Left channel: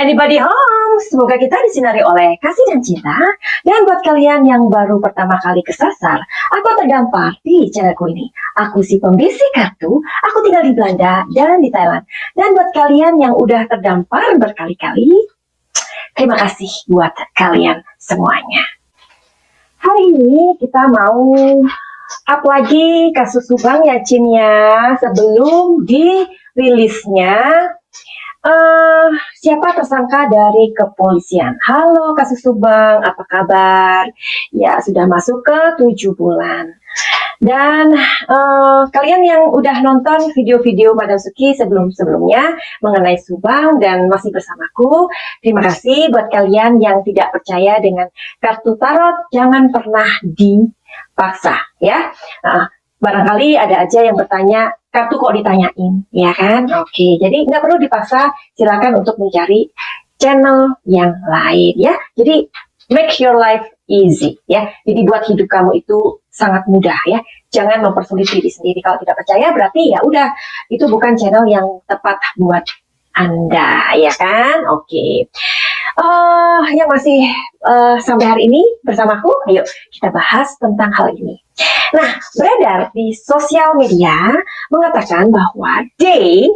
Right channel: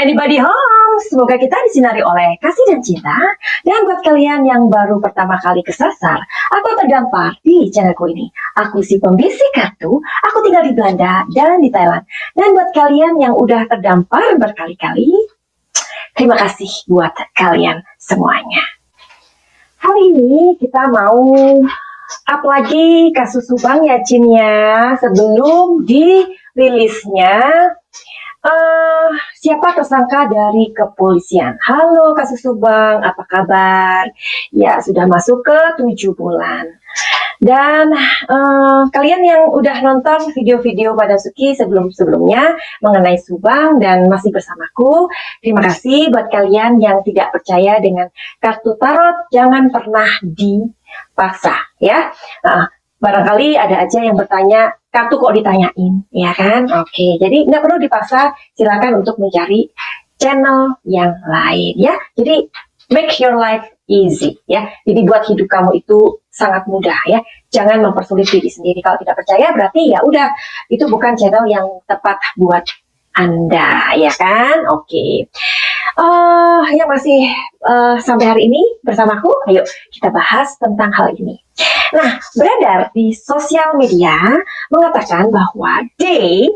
Anybody home? Semoga kita disinari oleh kasih dan cinta. Dan buat kalian yang baru pertama kali kesasar atau terdampar di channelku ini, aku si pembisik kartu, aku tinggal di Belanda dan di Thailand. Dan buat kalian yang udah terdampar berkali-kali, terima kasih buat kalian semuanya. Hari ini kita mau up lagi kasus Subang ya Cin ya, sebelum dirilisnya siapa tersangka dari kepolisian. Halo kasus Subang, apa kabar? Ya sudah masuk ke 7 bulan. Dan kalian yang udah nonton video-video Madam Suki sebelum-sebelumnya mengenai Subang dan masih bersamaku, terima kasih. Buat kalian yang tidak percaya dengan kartu tarot, jangan pernah dipaksa ya. Barangkali ada aja yang bertanya, kartu kok ditanyain, ya kan? Oke, jadi nggak perlu dipaksa, silakan untuk mencari channel yang lain ya. Jadi make your life easy ya. Jadi buat hidup kamu itu sangat mudah ya. Jangan mempersulit diri sendiri. Kalau tidak percaya berarti ya udah, itu bukan channel yang tepat buat Anda ya kan? Oke. Ya masih sampai hari ini bersamaku. Ayo kita bahas tentang hal ini. Nah, beredar di sosial media mengatakan bahwa D,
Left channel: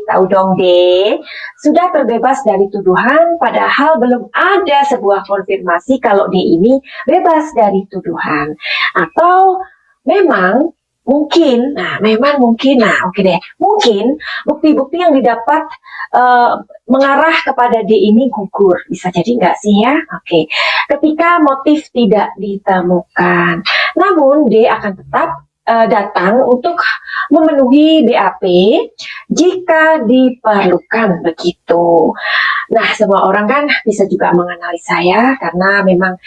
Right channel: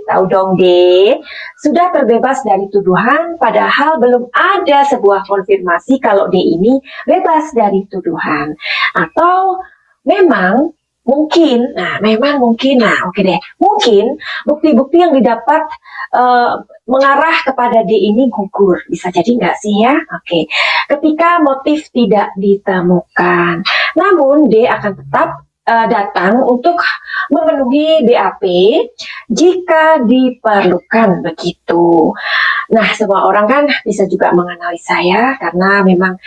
tahu dong D, sudah terbebas dari tuduhan, padahal belum ada sebuah konfirmasi kalau D ini bebas dari tuduhan. Atau memang mungkin, oke deh, mungkin bukti-bukti yang didapat mengarah kepada D ini gugur. Bisa jadi nggak sih ya? Oke. Ketika motif tidak ditemukan, namun D akan tetap datang untuk memenuhi BAP jika diperlukan begitu. Nah, semua orang kan bisa juga mengenali saya karena memang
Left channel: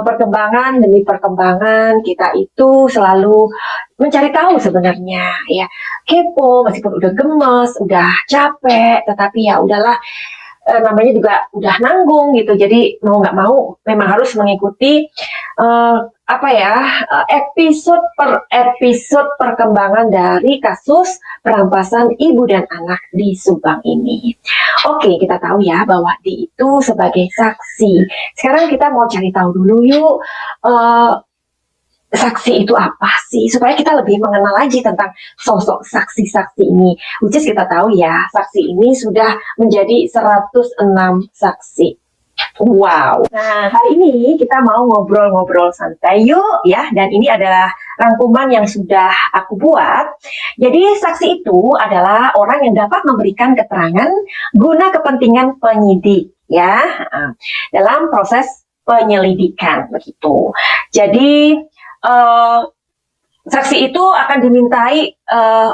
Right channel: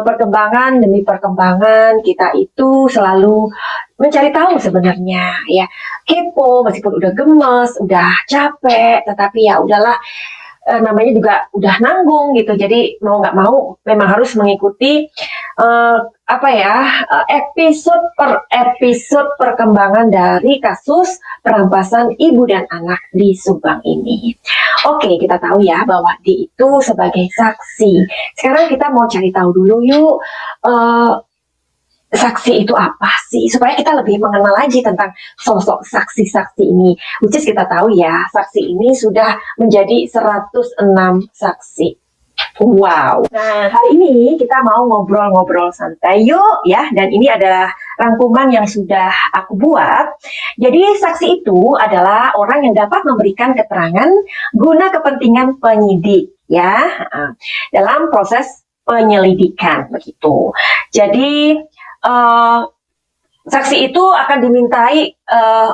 perkembangan demi perkembangan kita itu selalu mencari tahu sebenarnya ya, kepo meskipun udah gemes, udah capek, tetapi ya udahlah, namanya juga udah nanggung gitu, jadi mau nggak mau memang harus mengikuti episode per episode perkembangan dari kasus perampasan ibu dan anak di Subang ini. Oke, kita tahu ya bahwa D itu sebagai saksi. Sekarang kita mau cari tahu dulu yuk, saksi itu apa sih, supaya kita lebih mengenal lagi tentang sosok saksi-saksi ini. Which is kita tahu ya, saksi ini sudah menjadi 106 saksi. Wow. Nah, hari ini kita mau ngobrol-ngobrol santai yuk ya, dan ini adalah rangkuman yang sudah aku buat. Jadi saksi itu adalah orang yang dapat memberikan keterangan guna kepentingan penyidik ya, dalam proses penyelidikan begitu. Jadi saksi itu akan dimintai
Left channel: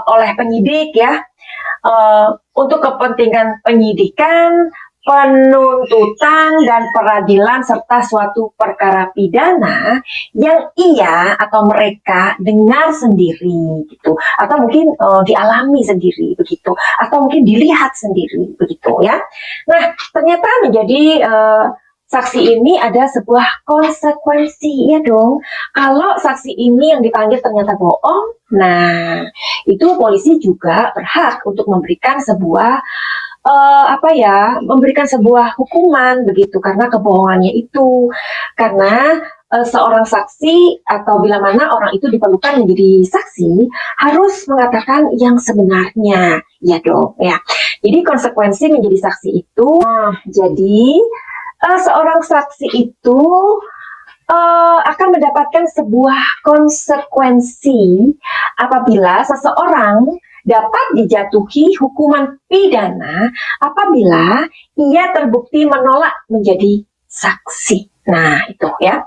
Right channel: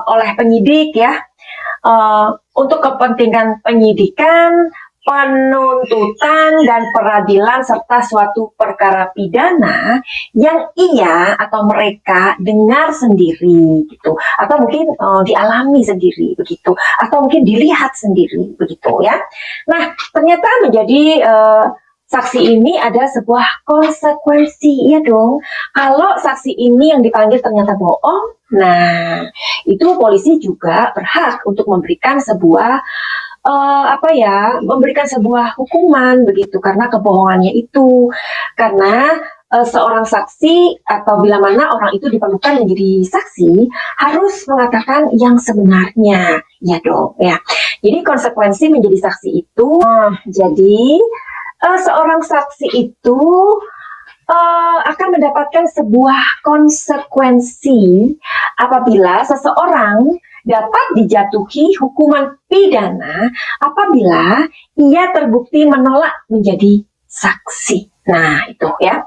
oleh penyidik ya, untuk kepentingan penyidikan, penuntutan, dan peradilan serta suatu perkara pidana yang ia atau mereka dengar sendiri gitu, atau mungkin dialami sendiri begitu, atau mungkin dilihat sendiri begitu ya. Nah, ternyata menjadi saksi ini ada sebuah konsekuensi ya dong. Kalau saksi ini yang dipanggil ternyata bohong, nah itu polisi juga berhak untuk memberikan sebuah memberikan sebuah hukuman begitu karena kebohongannya itu. Karena seorang saksi atau bila mana orang itu diperlukan menjadi saksi harus mengatakan yang sebenarnya Ya dong, ya. Jadi konsekuensi menjadi saksi itu, jadi seorang saksi itu akan mendapatkan sebuah konsekuensi apabila seseorang dapat dijatuhi hukuman pidana apabila ia terbukti menolak menjadi saksi. Nah, itu ya.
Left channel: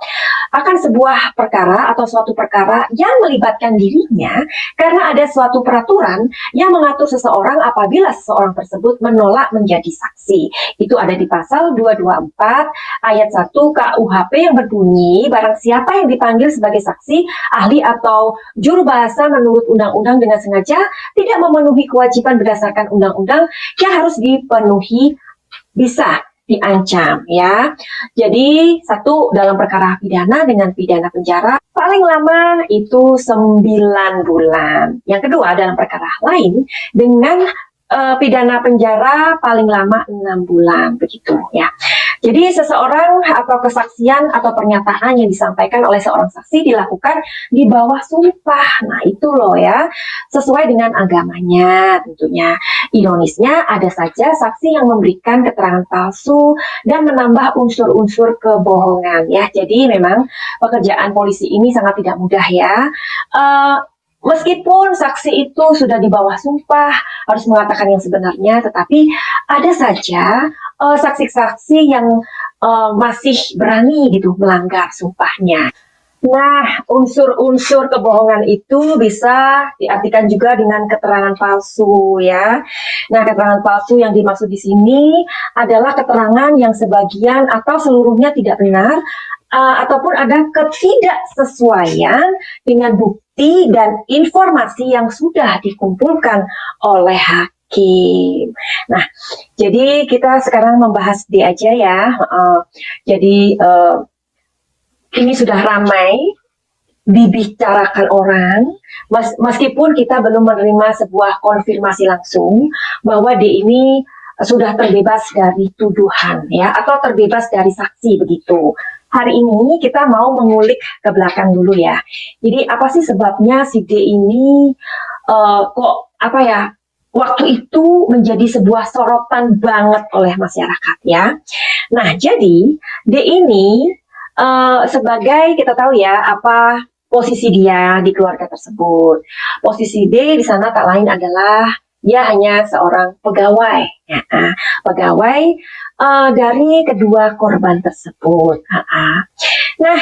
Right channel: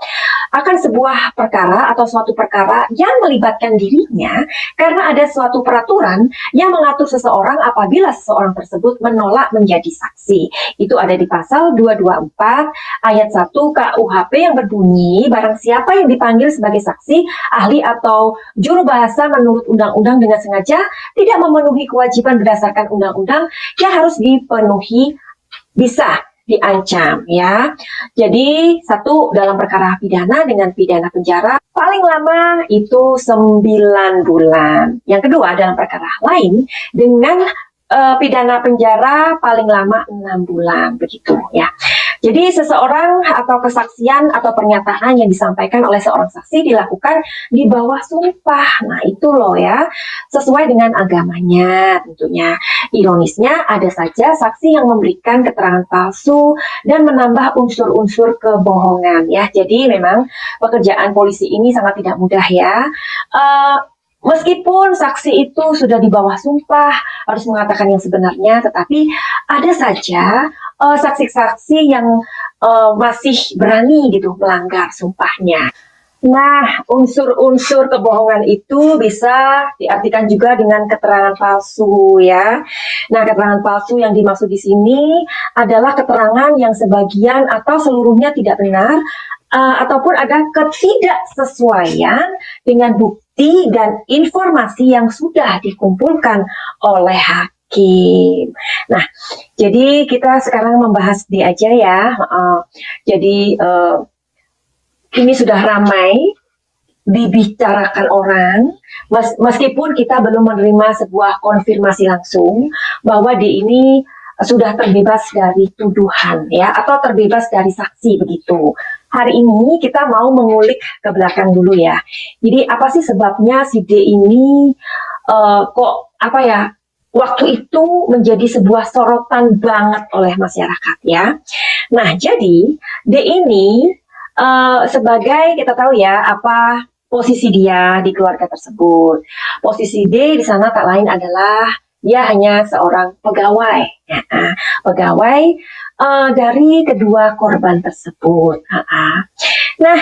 Akan sebuah perkara atau suatu perkara yang melibatkan dirinya karena ada suatu peraturan yang mengatur seseorang apabila seseorang tersebut menolak menjadi saksi. Itu ada di pasal 224 ayat 1 KUHP yang berbunyi, barang siapa yang dipanggil sebagai saksi, ahli atau juru bahasa menurut undang-undang dengan sengaja tidak memenuhi kewajiban berdasarkan undang-undang yang harus dipenuhi, bisa diancam ya. Jadi satu, dalam perkara pidana dengan pidana penjara paling lama itu 9 bulan. Yang kedua, dalam perkara lain dengan pidana penjara paling lama 6 bulan begitu ya. Jadi seseorang atau kesaksian atau pernyataan yang disampaikan oleh seorang saksi dilakukan di bawah sumpah. Nah itu loh ya, sesuai dengan agamanya tentunya. Ironisnya ada saja saksi yang memberikan keterangan palsu dan menambah unsur-unsur kebohongan ya. Jadi memang pekerjaan polisi ini sangat tidak mudah ya. Meskipun saksi itu sudah di bawah sumpah, harus mengatakan yang sebenarnya, tetapi ada saja saksi-saksi yang masih berani gitu melanggar sumpahnya. Nah, unsur-unsur kebohongan itu bisa diartikan juga dengan keterangan palsu ya. Nah, keterangan palsu yang dimaksud di sini adalah keterangan yang sebagian atau seluruhnya tidak benar, ataupun ada ketidaksesuaian dengan bukti dan informasi yang sudah dikumpulkan oleh hakim. Nah, jadi kita sekarang membahas D aja ya. Jadi ini sudah ramai dibicarakan orang, meskipun kita belum menerima sebuah konfirmasi langsung bahwa D ini sudah terbebas dari tuduhan ya, atau terbebas dari saksi begitu. Hari ini kita mau mengulik ke belakang dulu ya. Jadi apa sih sebabnya si D ini kok apa ya, waktu itu menjadi sebuah sorotan banget oleh masyarakat ya. Nah jadi D ini sebagai, kita tahu ya apa posisi dia di keluarga tersebut. Posisi D di sana tak lain adalah dia hanya seorang pegawai, ya, pegawai dari kedua korban tersebut. Nah,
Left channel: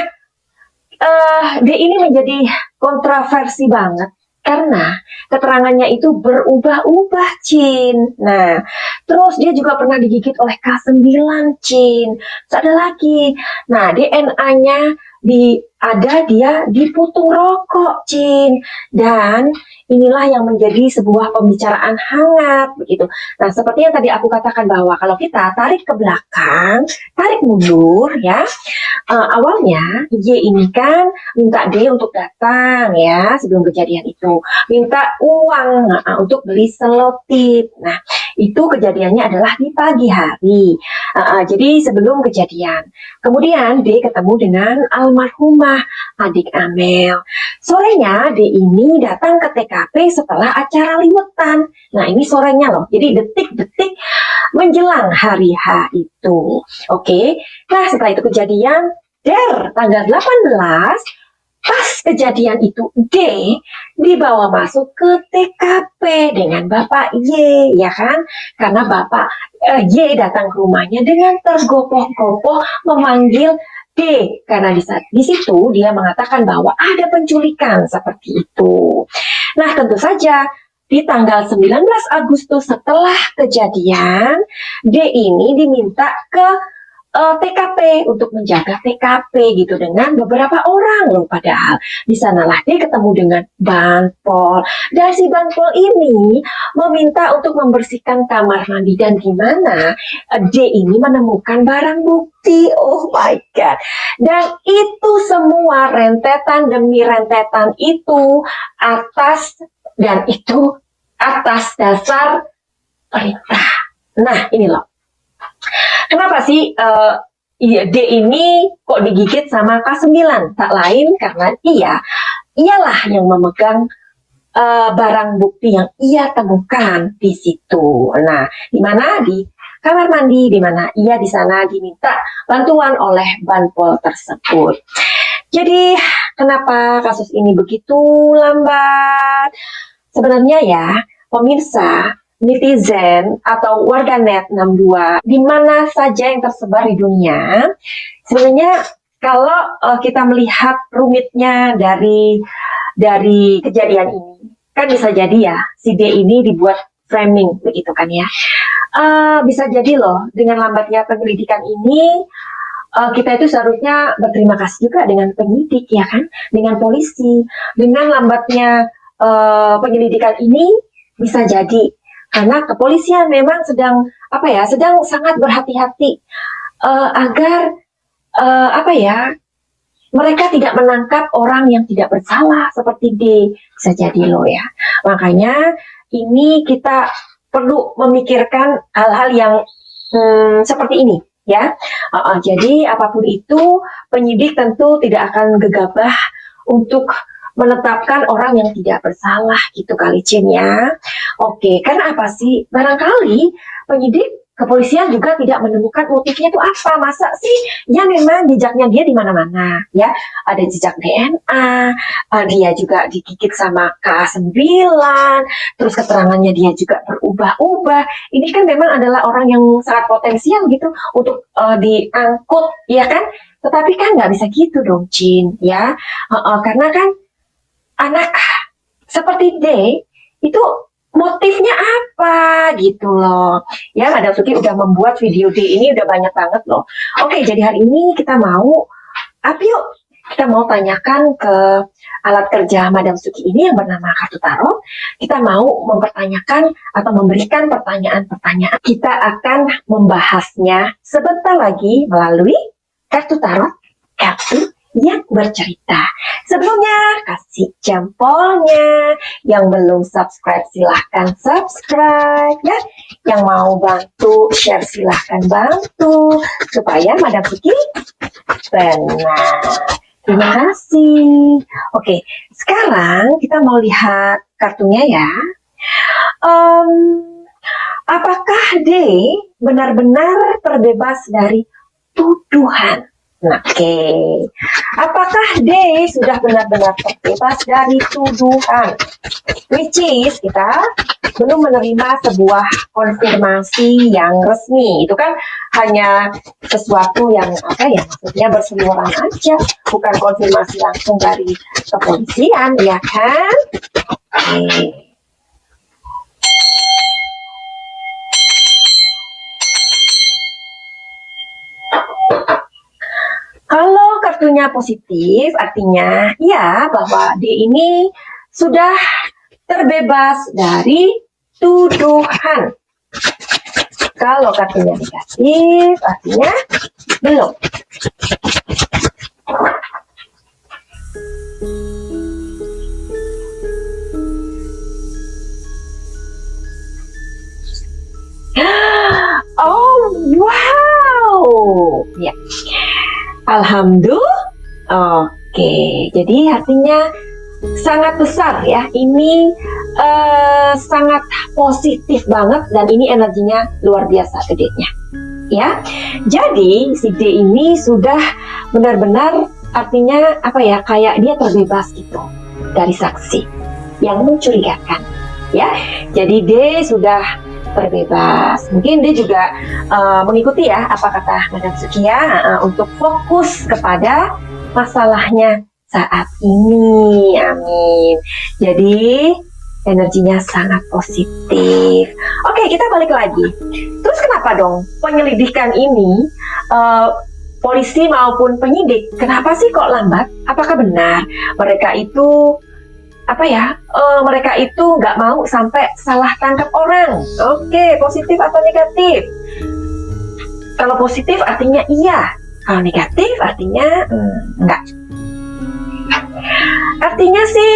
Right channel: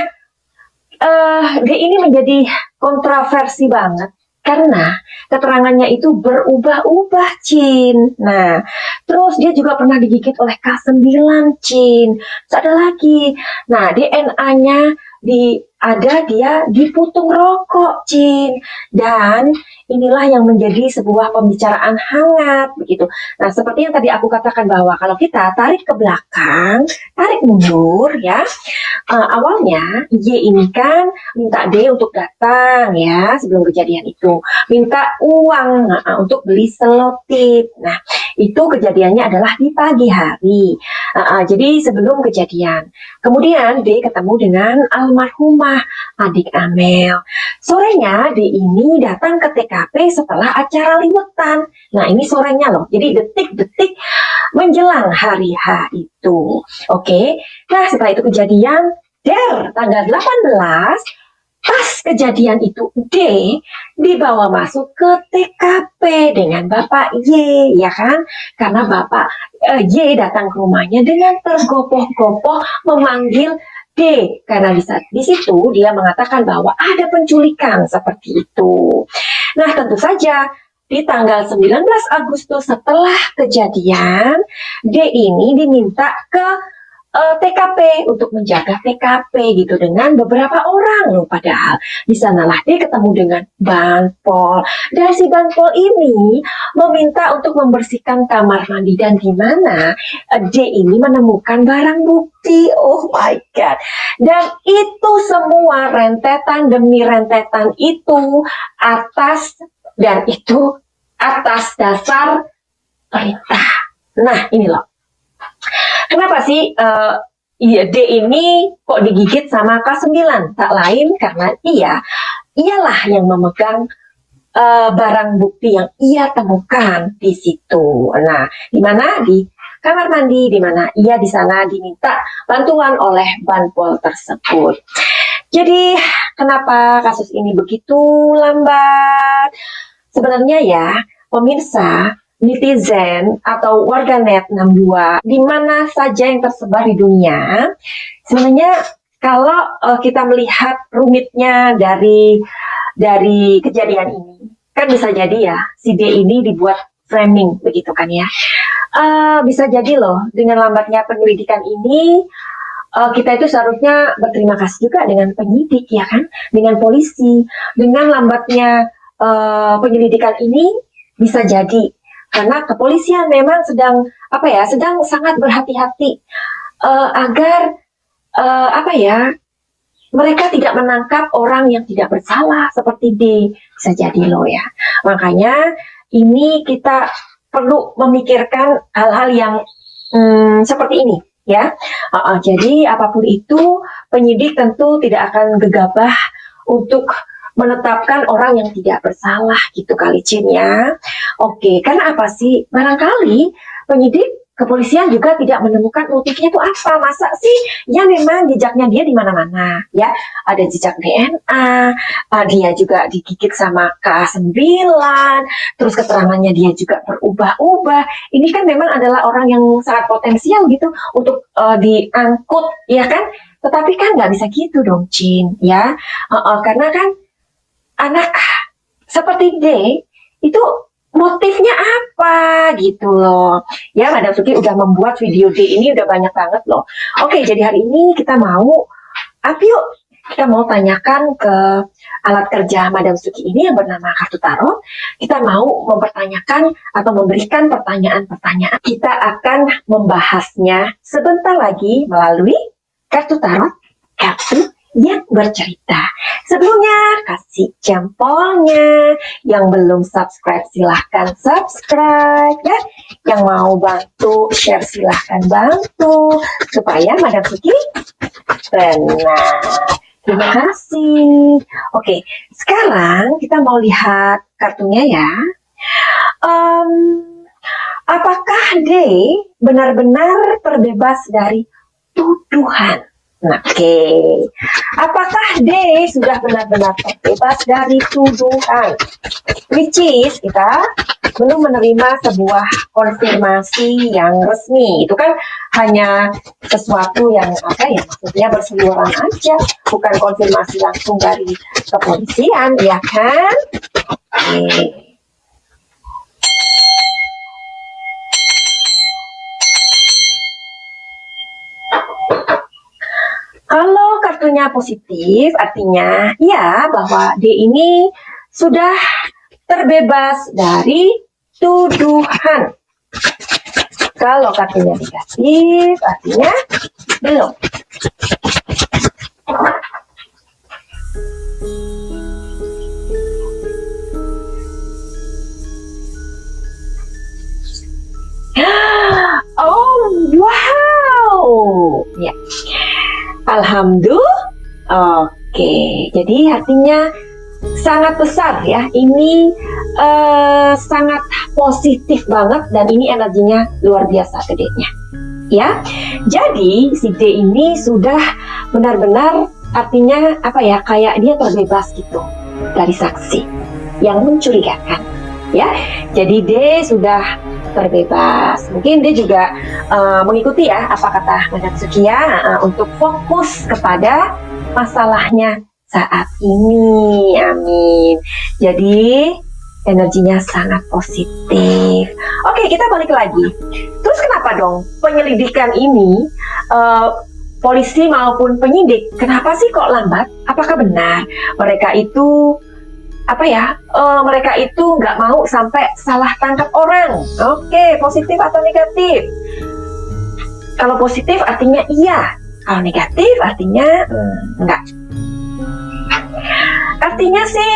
D ini menjadi kontroversi banget karena keterangannya itu berubah-ubah, Cin. Nah, terus dia juga pernah digigit oleh K9, Cin. Terus ada lagi. Nah, DNA-nya dia diputung rokok, Cin. Dan inilah yang menjadi sebuah pembicaraan hangat begitu. Nah, seperti yang tadi aku katakan bahwa kalau kita tarik ke belakang, tarik mundur ya. Awalnya Y ini kan minta D untuk datang ya sebelum kejadian itu, minta uang untuk beli selotip. Nah, itu kejadiannya adalah di pagi hari. Jadi sebelum kejadian. Kemudian D ketemu dengan almarhumah adik Amel. Sorenya D ini datang ke TKP setelah acara liwetan. Nah, ini sorenya loh. Jadi detik-detik menjelang hari H itu. Oke. Nah, setelah itu kejadian tanggal 18, pas kejadian itu D dibawa masuk ke TKP dengan Bapak Y, ya kan? Karena Bapak Y datang ke rumahnya dengan tergopoh-gopoh memanggil D, karena di situ dia mengatakan bahwa ada penculikan seperti itu. Nah, tentu saja di tanggal 19 Agustus setelah kejadian, D ini diminta ke TKP untuk menjaga TKP gitu dengan beberapa orang loh, padahal di sanalah dia ketemu dengan Banpol, dan si Banpol ini meminta untuk membersihkan kamar mandi, dan gimana D ini menemukan barang bukti. Oh my god, dan itu semua rentetan demi rentetan itu atas dasar perintah. Nah ini loh, kenapa sih D ini kok digigit sama K9? Tak lain karena ialah yang memegang barang bukti yang ia temukan di situ. Nah, di mana? Di kamar mandi, di mana ia di sana diminta bantuan oleh Banpol tersebut. Jadi, kenapa kasus ini begitu lambat? Sebenarnya ya, pemirsa, netizen atau warganet 62 di mana saja yang tersebar di dunia, sebenarnya kalau kita melihat rumitnya dari kejadian ini, kan bisa jadi ya si D ini dibuat framing begitu kan ya. Bisa jadi loh dengan lambatnya penyelidikan ini, kita itu seharusnya berterima kasih juga dengan penyidik ya kan, dengan polisi. Dengan lambatnya penyelidikan ini bisa jadi karena kepolisian memang sedang sangat berhati-hati agar mereka tidak menangkap orang yang tidak bersalah seperti D. Bisa jadi loh ya. Makanya ini kita perlu memikirkan hal-hal yang seperti ini ya. Jadi apapun itu, penyidik tentu tidak akan gegabah untuk menetapkan orang yang tidak bersalah gitu kali Cin ya. Oke, karena apa sih? Barangkali penyidik kepolisian juga tidak menemukan motifnya itu apa. Masa sih? Ya memang jejaknya dia di mana-mana ya. Ada jejak DNA, dia juga digigit sama K9, terus keterangannya dia juga berubah-ubah. Ini kan memang adalah orang yang sangat potensial gitu untuk diangkut ya kan. Tetapi kan nggak bisa gitu dong Cin ya. Karena kan anak seperti D itu motifnya apa gitu loh ya. Madam Suki udah membuat video D ini udah banyak banget loh. Oke, jadi hari ini kita mau kita mau tanyakan ke alat kerja Madam Suki ini yang bernama kartu tarot. Kita mau mempertanyakan atau memberikan pertanyaan-pertanyaan. Kita akan membahasnya sebentar lagi melalui kartu tarot, kartu yang bercerita. Sebelumnya kasih jempolnya. Yang belum subscribe silahkan subscribe ya. Yang mau bantu share silahkan bantu supaya Madam Suki benar. Terima kasih. Oke, sekarang kita mau lihat kartunya ya. Apakah D benar-benar terbebas dari tuduhan? Oke, apakah D sudah benar-benar terbebas dari tuduhan? Which is kita belum menerima sebuah konfirmasi yang resmi. Itu kan hanya sesuatu yang maksudnya berseliweran aja, bukan konfirmasi langsung dari kepolisian, ya kan? Oke. Kalau kartunya positif, artinya ya bahwa D ini sudah terbebas dari tuduhan. Kalau kartunya negatif, artinya belum. Oh, wow. Ya. Alhamdulillah. Oke, jadi artinya sangat besar ya. Ini sangat positif banget dan ini energinya luar biasa gedenya. Ya. Jadi si D ini sudah benar-benar artinya kayak dia terbebas gitu dari saksi yang mencurigakan. Ya. Jadi D sudah terbebas. Mungkin dia juga mengikuti ya apa kata Madam Suki ya, untuk fokus kepada masalahnya saat ini. Amin. Jadi energinya sangat positif. Oke, kita balik lagi. Terus kenapa dong penyelidikan ini polisi maupun penyidik kenapa sih kok lambat? Apakah benar mereka itu mereka itu nggak mau sampai salah tangkap orang? Oke, positif atau negatif? Kalau positif artinya iya, kalau negatif artinya enggak. Artinya sih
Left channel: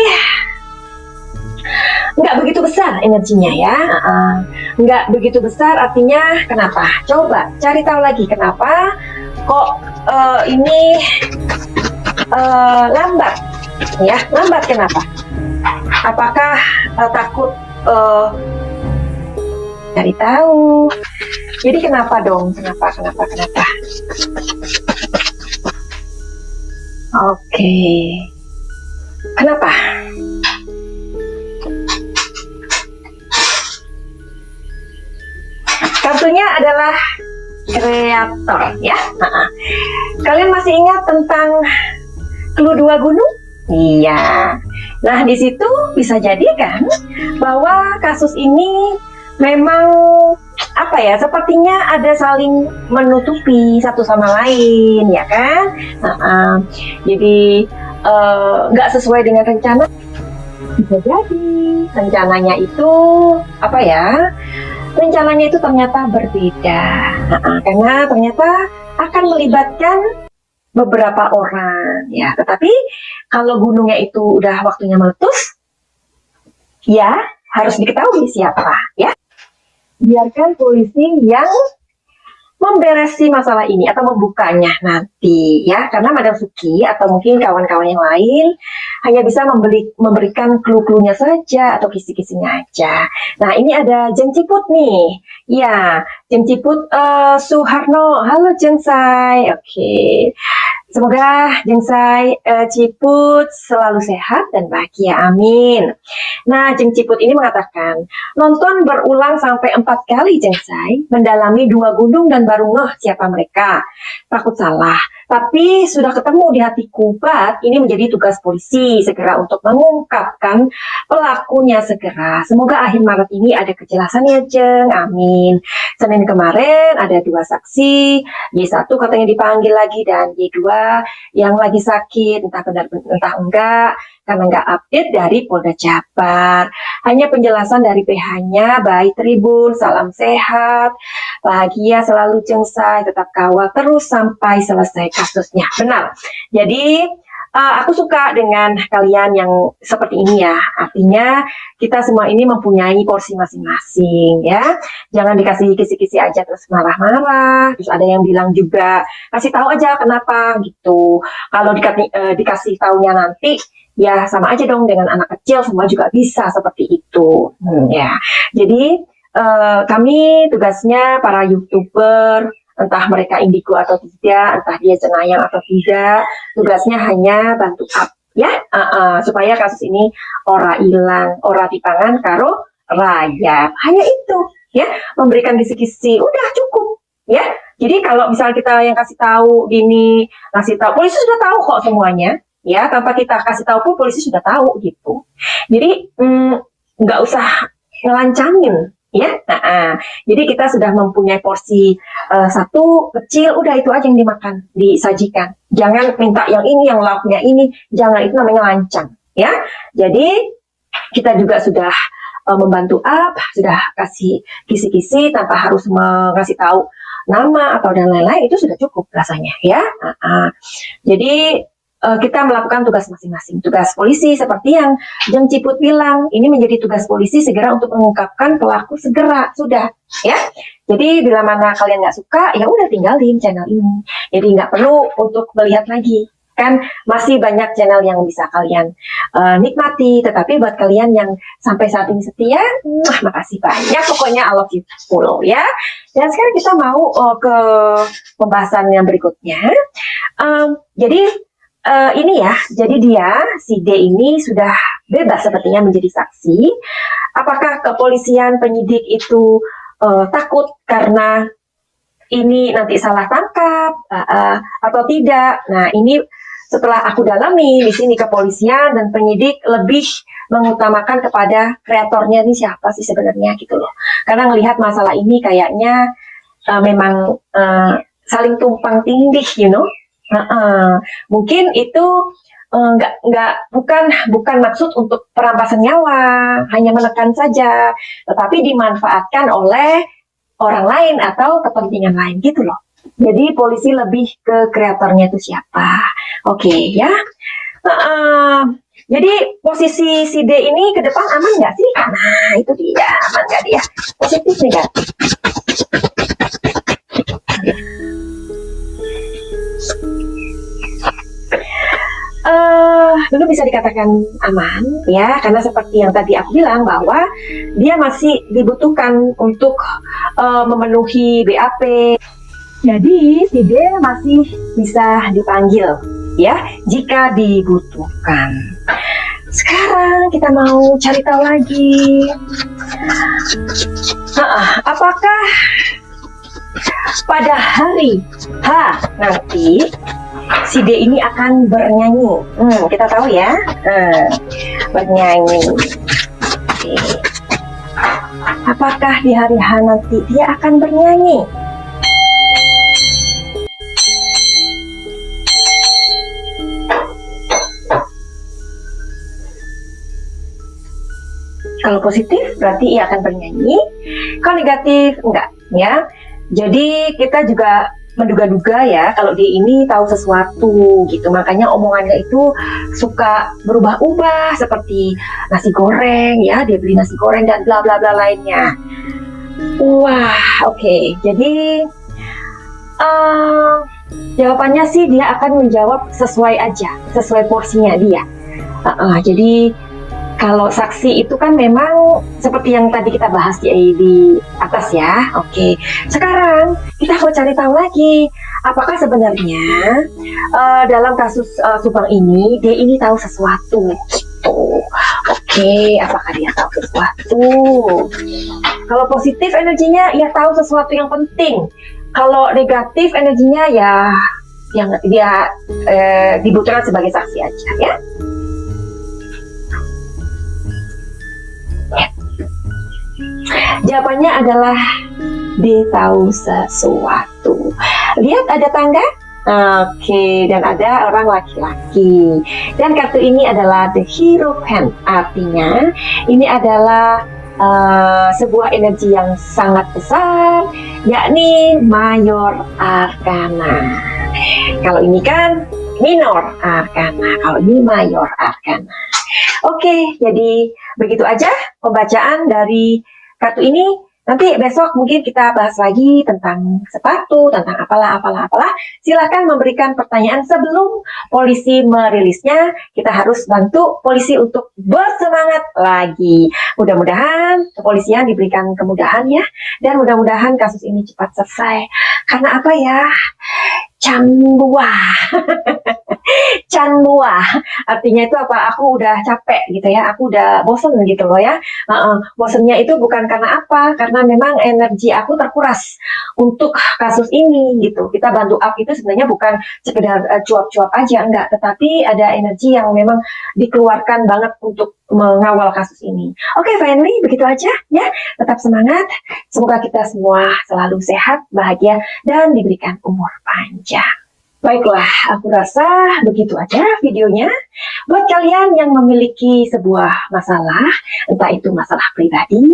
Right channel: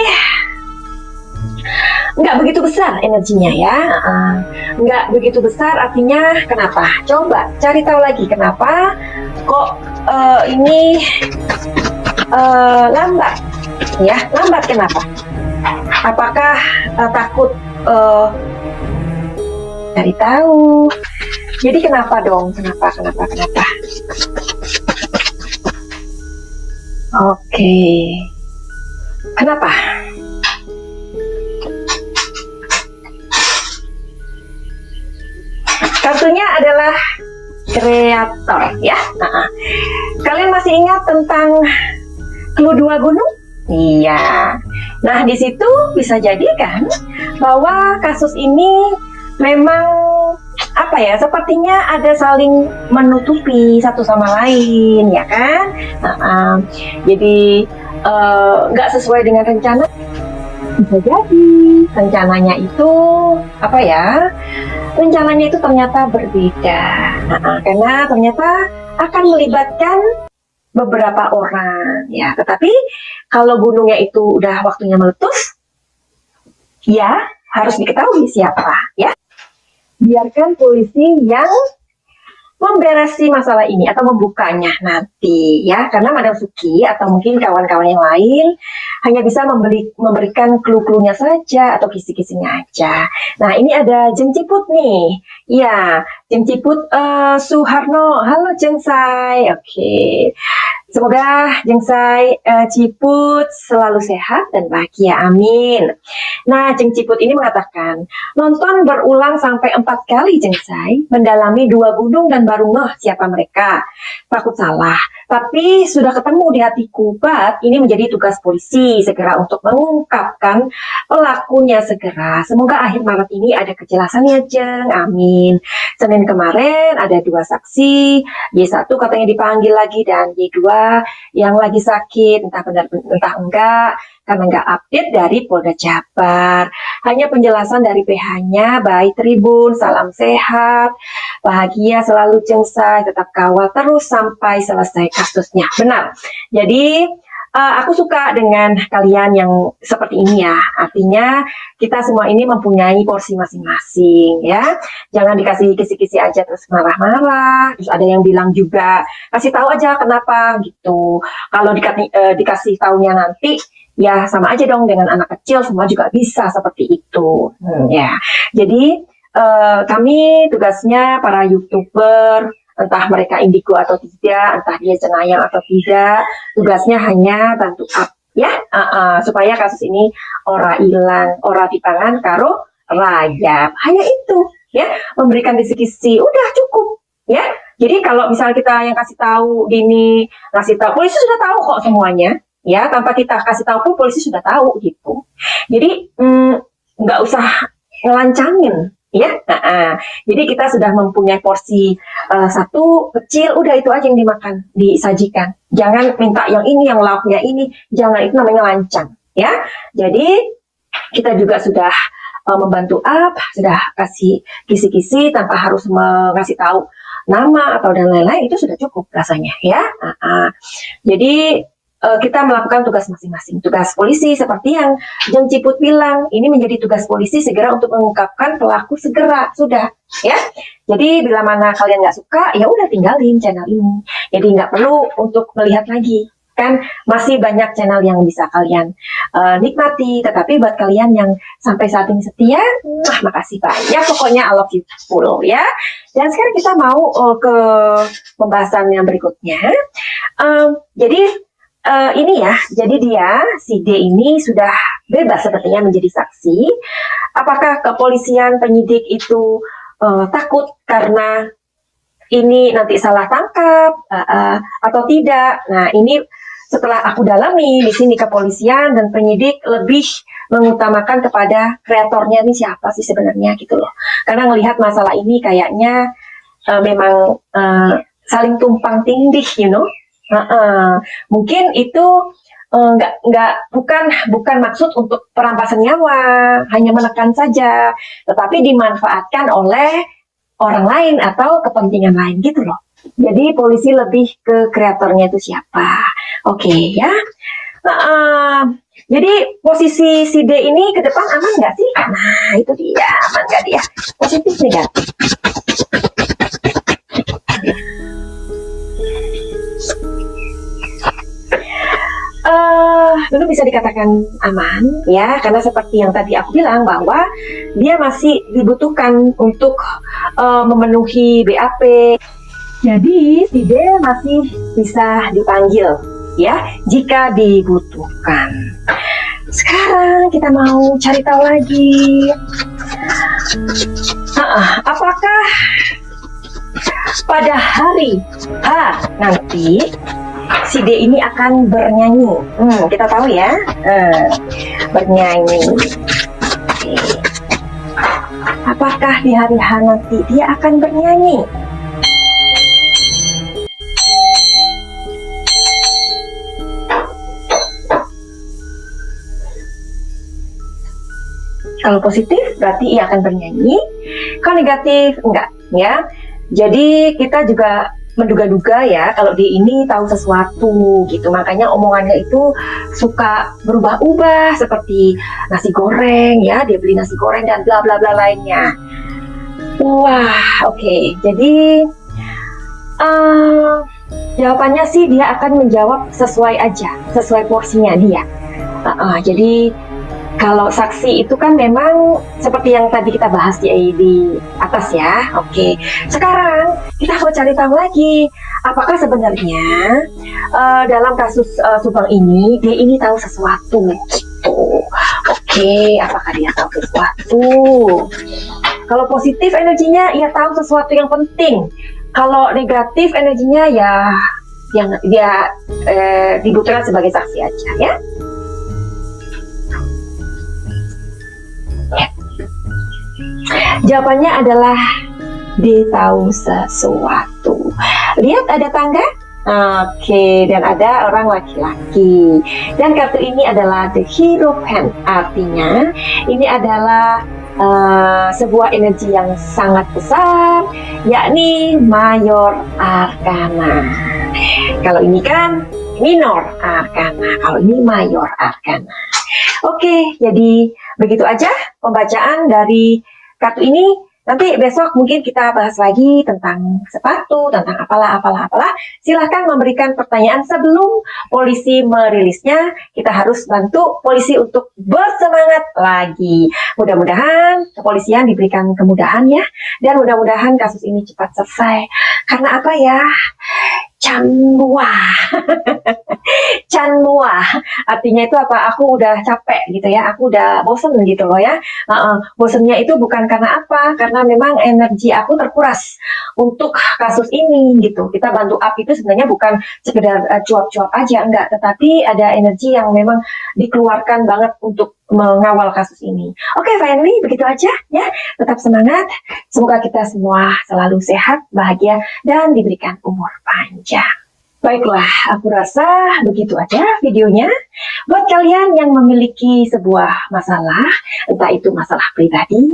nggak begitu besar energinya ya. Nggak begitu besar artinya kenapa? Coba cari tahu lagi kenapa kok ini lambat ya. Lambat kenapa? Apakah takut cari tahu? Jadi kenapa dong? Kenapa? Oke. Kenapa? Kartunya adalah kreator ya. Kalian masih ingat tentang clue 2 gunung? Iya. Nah, di situ bisa jadi kan bahwa kasus ini memang apa ya? Sepertinya ada saling menutupi satu sama lain, ya kan? Jadi nggak sesuai dengan rencana. Bisa jadi rencananya itu apa ya? Rencananya itu ternyata berbeda. Karena ternyata akan melibatkan beberapa orang ya, tetapi kalau gunungnya itu udah waktunya meletus, ya harus diketahui siapa ya. Biarkan polisi yang memberesi masalah ini atau membukanya nanti ya, karena Madam Suki atau mungkin kawan-kawan yang lain hanya bisa memberikan clue-cluenya saja atau kisi-kisinya aja. Nah, ini ada Jeng Ciput nih. Ya, Jeng Ciput Suharno. Halo Jeng Sai. Oke. Semoga Jeng Sai Ciput selalu sehat dan bahagia, amin. Nah, Jeng Ciput ini mengatakan, nonton berulang sampai 4 kali Jeng Sai, mendalami 2 gunung dan baru ngeh siapa mereka. Takut salah, tapi sudah ketemu di hatiku, Bat. Ini menjadi tugas polisi segera untuk mengungkapkan pelakunya segera. Semoga akhir Maret ini ada kejelasan ya Jeng, amin. Senin kemarin ada 2 saksi, Y1 katanya dipanggil lagi dan Y2 yang lagi sakit, entah benar entah enggak, karena enggak update dari Polda Jabar. Hanya penjelasan dari PH-nya, baik Tribun, salam sehat, bahagia selalu Jeng Sai, tetap kawal terus sampai selesai kasusnya. Benar. Jadi aku suka dengan kalian yang seperti ini ya. Artinya kita semua ini mempunyai porsi masing-masing ya. Jangan dikasih kisi-kisi aja terus marah-marah. Terus ada yang bilang juga kasih tahu aja kenapa gitu. Kalau dikasih taunya nanti ya sama aja dong dengan anak kecil, semua juga bisa seperti itu. Ya. Jadi kami tugasnya para YouTuber, entah mereka indigo atau tidak, entah dia cenayang atau tidak, tugasnya hanya bantu up ya, supaya kasus ini ora hilang, ora dipangan karo rayap. Hanya itu ya, memberikan kisi-kisi udah cukup ya. Jadi kalau misal kita yang kasih tahu gini, ngasih tahu, polisi sudah tahu kok semuanya ya, tanpa kita kasih tahu pun polisi sudah tahu gitu. Jadi nggak usah ngelancangin ya. Jadi kita sudah mempunyai porsi satu kecil, udah itu aja yang dimakan, disajikan. Jangan minta yang ini, yang lauknya ini, jangan, itu namanya lancang ya. Jadi kita juga sudah membantu sudah kasih kisi-kisi tanpa harus mengasih tahu nama atau dan lain-lain, itu sudah cukup rasanya ya. Jadi kita melakukan tugas masing-masing. Tugas polisi seperti yang Jeng Ciput bilang, ini menjadi tugas polisi segera untuk mengungkapkan pelaku segera, sudah ya. Jadi bila mana kalian nggak suka, ya udah tinggalin channel ini. Jadi nggak perlu untuk melihat lagi. Kan masih banyak channel yang bisa kalian nikmati. Tetapi buat kalian yang sampai saat ini setia, makasih banyak. Pokoknya I love you full ya. Dan sekarang kita mau ke pembahasan yang berikutnya. Jadi ini ya, jadi si D ini sudah bebas sepertinya menjadi saksi. Apakah kepolisian penyidik itu takut karena ini nanti salah tangkap atau tidak? Nah, ini setelah aku dalami di sini, kepolisian dan penyidik lebih mengutamakan kepada kreatornya ini siapa sih sebenarnya gitu loh. Karena melihat masalah ini kayaknya memang saling tumpang tindih, you know. Mungkin itu bukan maksud untuk perampasan nyawa, hanya menekan saja, tetapi dimanfaatkan oleh orang lain atau kepentingan lain gitu loh. Jadi polisi lebih ke kreatornya itu siapa. Oke ya. Jadi posisi si D ini ke depan aman nggak sih? Nah itu dia, aman nggak dia? Positif nih kan? Dulu bisa dikatakan akan aman ya, karena seperti yang tadi aku bilang bahwa dia masih dibutuhkan untuk memenuhi BAP. Jadi si D masih bisa dipanggil ya jika dibutuhkan. Sekarang kita mau cari tahu lagi. Apakah pada hari H nanti si D ini akan bernyanyi? Kita tahu ya, bernyanyi. Oke. Apakah di hari H nanti dia akan bernyanyi? Kalau positif berarti ia akan bernyanyi, kalau negatif enggak ya. Jadi kita juga menduga-duga ya kalau dia ini tahu sesuatu gitu, makanya omongannya itu suka berubah-ubah seperti nasi goreng ya, dia beli nasi goreng dan bla bla bla lainnya. Wah, oke. Jadi jawabannya sih dia akan menjawab sesuai aja, sesuai porsinya dia. Jadi kalau saksi itu kan memang seperti yang tadi kita bahas di atas ya. Oke, sekarang kita mau cari tahu lagi, apakah sebenarnya dalam kasus Subang ini dia ini tahu sesuatu gitu. Oke, apakah dia tahu sesuatu? Kalau positif energinya ia tahu sesuatu yang penting. Kalau negatif energinya ya yang dia dibutuhkan sebagai saksi aja ya. Jawabannya adalah dia tahu sesuatu. Lihat ada tangga? Oke, dan ada orang laki-laki. Dan kartu ini adalah the Hierophant. Artinya ini adalah sebuah energi yang sangat besar, yakni Mayor Arcana. Kalau ini kan Minor Arcana, kalau ini Mayor Arcana. Oke, jadi begitu aja pembacaan dari kartu ini. Nanti besok mungkin kita bahas lagi tentang sepatu, tentang apalah. Silahkan memberikan pertanyaan sebelum polisi merilisnya. Kita harus bantu polisi untuk bersemangat lagi. Mudah-mudahan kepolisian diberikan kemudahan ya. Dan mudah-mudahan kasus ini cepat selesai. Karena apa ya? Canmua artinya itu apa? Aku udah capek gitu ya, aku udah bosen gitu loh ya. Bosennya itu bukan karena apa, karena memang energi aku terkuras untuk kasus ini gitu. Kita bantu up itu sebenarnya bukan sekedar cuap-cuap aja, enggak, tetapi ada energi yang memang dikeluarkan banget untuk mengawal kasus ini. Oke, finally begitu aja ya. Tetap semangat, semoga kita semua selalu sehat, bahagia, dan diberikan umur panjang. Baiklah, aku rasa begitu aja videonya. Buat kalian yang memiliki sebuah masalah, entah itu masalah pribadi,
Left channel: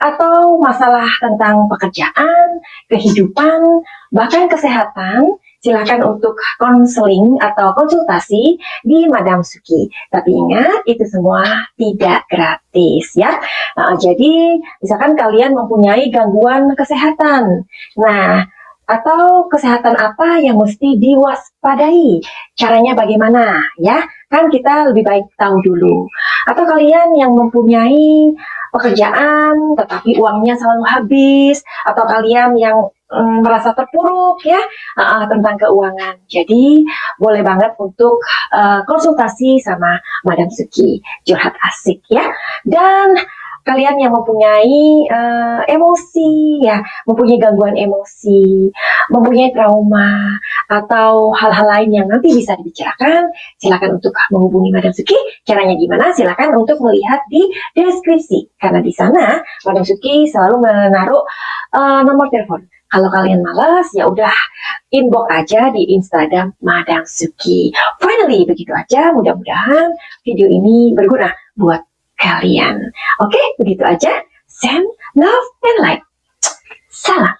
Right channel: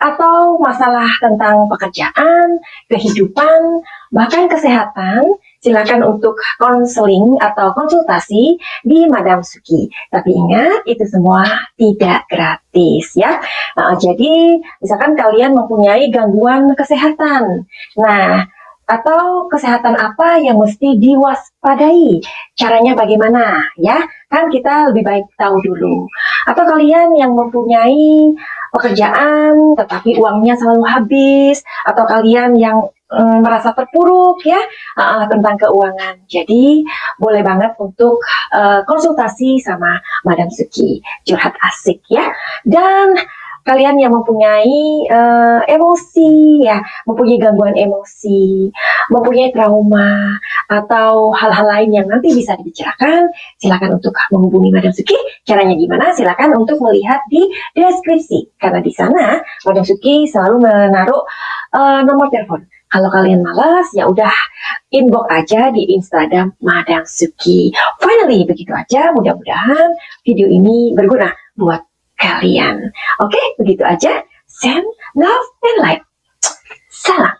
atau masalah tentang pekerjaan, kehidupan, bahkan kesehatan, silakan untuk konseling atau konsultasi di Madam Suki. Tapi ingat, itu semua tidak gratis ya. Jadi, misalkan kalian mempunyai gangguan kesehatan. Nah, atau kesehatan apa yang mesti diwaspadai? Caranya bagaimana ya? Kan kita lebih baik tahu dulu. Atau kalian yang mempunyai pekerjaan tetapi uangnya selalu habis, atau kalian yang merasa terpuruk ya tentang keuangan. Jadi boleh banget untuk konsultasi sama Madam Suki, curhat asik ya. Dan kalian yang mempunyai emosi ya, mempunyai gangguan emosi, mempunyai trauma atau hal-hal lain yang nanti bisa dibicarakan, silakan untuk menghubungi Madam Suki. Caranya gimana? Silakan untuk melihat di deskripsi, karena di sana Madam Suki selalu menaruh nomor telepon. Kalau kalian malas, ya udah inbox aja di Instagram Madam Suki. Finally, begitu aja. Mudah-mudahan video ini berguna buat kalian. Oke, begitu aja. Send love and light. Salam.